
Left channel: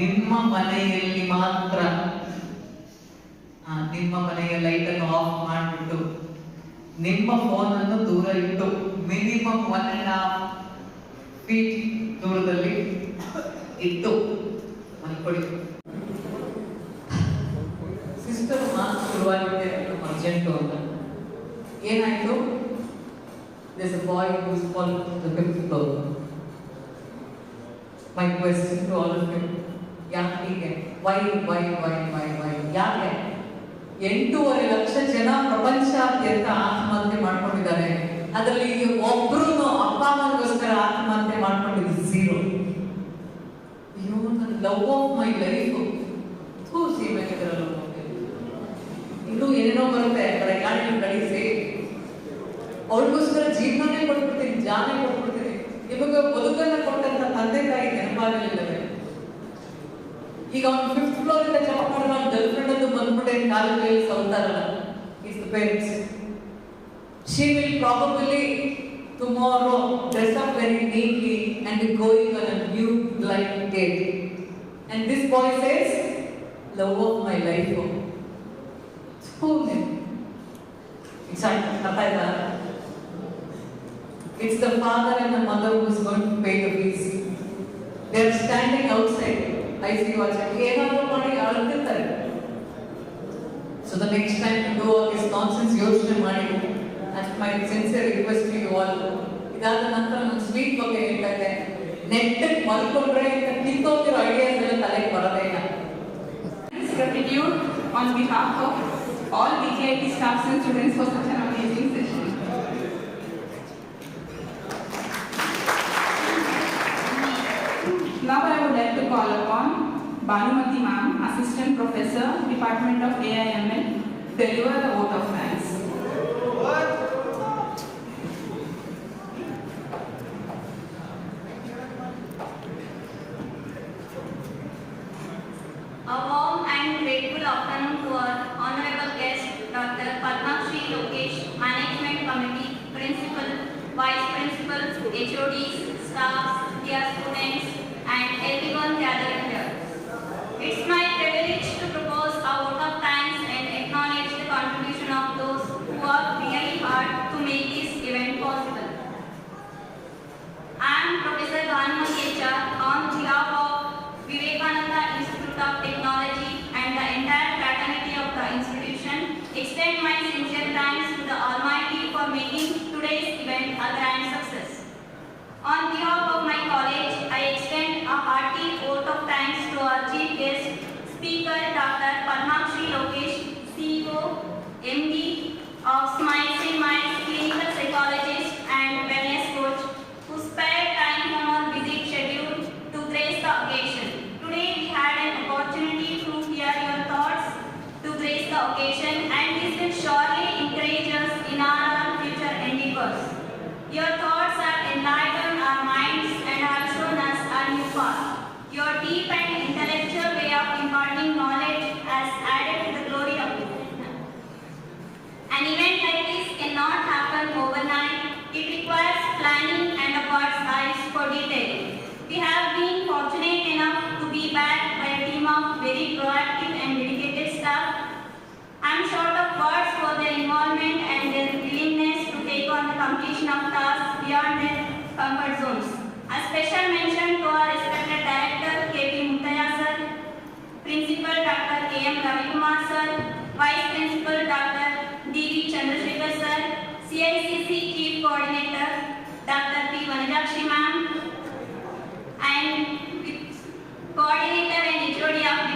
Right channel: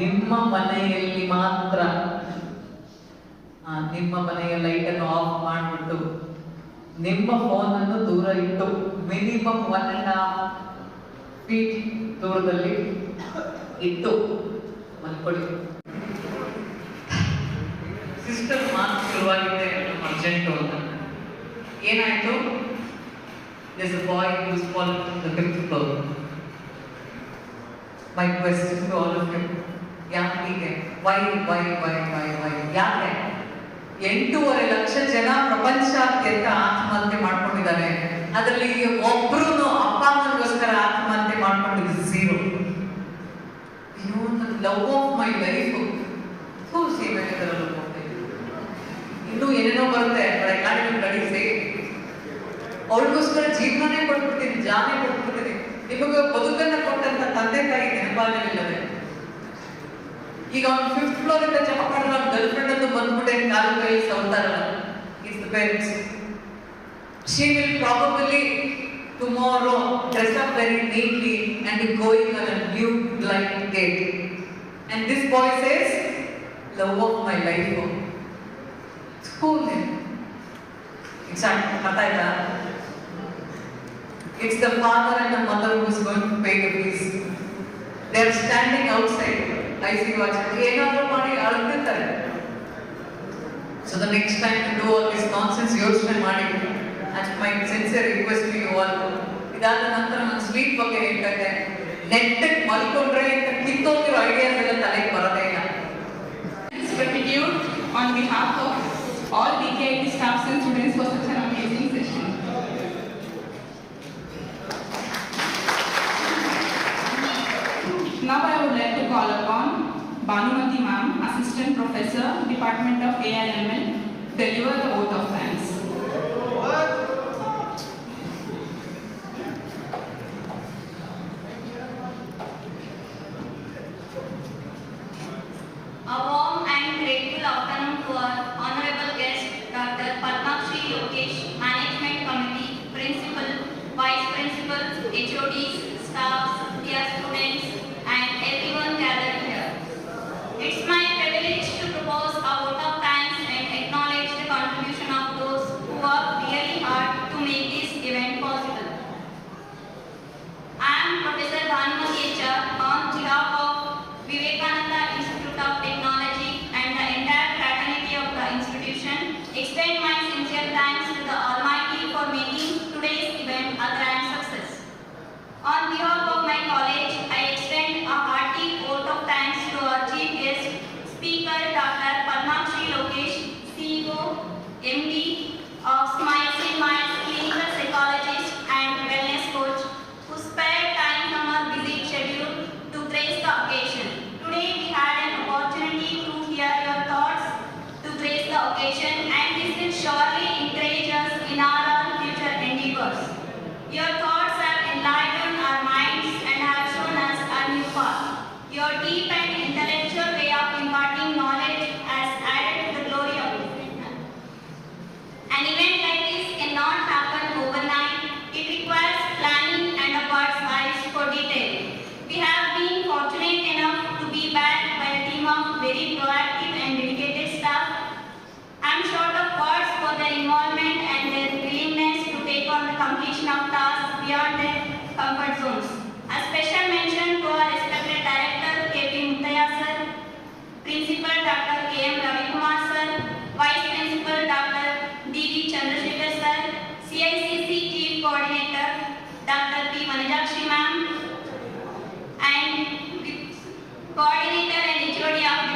ನಿಮ್ಮ ಮನೆಯಲ್ಲಿ ಮಾತ್ರ ನಿಮ್ಮ ಮನೆಯ ಲೈಟ್ ಅನ್ನು ಆಫ್ ಮಾಡಿಬಿಟ್ಟು ನಿಮ್ಮ ಫೋನ್ ಅನ್ನು ದೂರ ಇಟ್ಟು ಮಿನಿಮಮ್ 1.5 feet ದೂರದಲ್ಲಿ ಇಟ್ಟು ಮಲ್ಕೊಳ್ಳಿ. ಸಿಸ್ಟರ್ ಮಾತು ಶುರುವಾಗಿದೆ ಅರ್ಜೆಂಟು ಅಂತ. ಏನಾಯ್ತು? There's a boy who is falling from the 5th floor. My question to all of you, ಯಾಕೆ? Why? ಯಾಕೆ 8.5 ಲಕ್ಷ ಜನ ಪ್ರಪಂಚಾದ್ಯಂತ ಆತ್ಮಹತ್ಯೆ ಮಾಡ್ಕೊಂಡಿದ್ದಾರೆ. ಅದರಲ್ಲಿ ಒಬ್ರು ಅಪ್ಪ ಅಮ್ಮನಿಗೋಸ್ಕರ ಆತ್ಮಹತ್ಯೆ ಮಾಡ್ಕೊಂಡಿದ್ದು 0. ಲವ್ ಆಫ್ ಮೈ ಲೈಫ್ ಇನ್ನೂ ಏನೇನೋ ಬರುತ್ತೆ, ಕಳಿಸಿ ಅವಳಿಗೋಸ್ಕರ ಜೀವನನೇ ಕೊಟ್ಬಿಡ್ತೀನಿ, ಜಾನೇ ಕೊಟ್ಬಿಡ್ತೀನಿ. ನಿಮಗೆ ಬದುಕನ್ನ ಕೊಟ್ಟಂತ ತಂದೆ ತಾಯಿ ನೆನಪಾಗಲಿಲ್ಲವೇ? ಈಗ ಅವ್ನು 5th floor ಇಂದ ಜಂಪ್ ಮಾಡಿದ್ರೆ ಅವ್ನ ಗರ್ಲ್ ಫ್ರೆಂಡ್ ಅಂತ ಬಂದ್ಬಿಟ್ಟೆ ಕಾಲು ಕೈ ಸೌತಾರಲ್ಲ. It's the parents. She will probably tomorrow dress up very neatly and be going on a new blind date. And this boy says, love of my life. School name. It's the father and the mother who is going to pay the fees. They are standing outside. I see what's So the next time you do all this nonsense, that's my sincere request to you all. Sleep Gratitude on behalf of all BKIT staffs and students for such an amazing session. Now I would like to call upon Bhanumati Ma'am, Assistant Professor, Department of AIML, deliver the vote of thanks. A warm and grateful afternoon to our honorable guest, Dr. Padma Shri Lokesh, Management Committee, Principal, Vice Principals, HODs, staffs, dear students, and everyone gathered here. It's my privilege to propose a vote of thanks and acknowledge the contribution of those who worked really hard to make this event possible. I am Professor Bhanumati HR on behalf of Vivekananda Institute of Technology and the entire fraternity of the institution. Extend my sincere thanks to the Almighty for making today's event a grand success. On behalf of my college, I extend a hearty vote of thanks to our chief guest, Speaker Dr. Padma Shri Lokesh, CEO, MD of Smiles and Minds, clinical psychologist and wellness coach, who spared time from our busy schedule to grace the occasion. Today we had an opportunity to hear your thoughts to grace the occasion, and this will surely encourage us in our future endeavors. Your thoughts have enlightened our minds and have shown us a new path. Your deep and intellectual way of imparting knowledge has added to the glory of it. An event like this cannot happen overnight. It requires planning and a bird's eyes for detail. We have been fortunate enough to be backed by a team of very proactive and dedicated staff. I am short of words for their involvement and their willingness to take on the completion of tasks beyond their comfort zones. A special mention to our respected Director K.P. Muttaya sir, Principal Dr. K.M. Ravikumar sir, Vice Principal Dr. D.V. Chandrasekhar sir, CICC Chief Coordinator Dr. P. Vanajakshi ma'am, and Coordinator and HOD of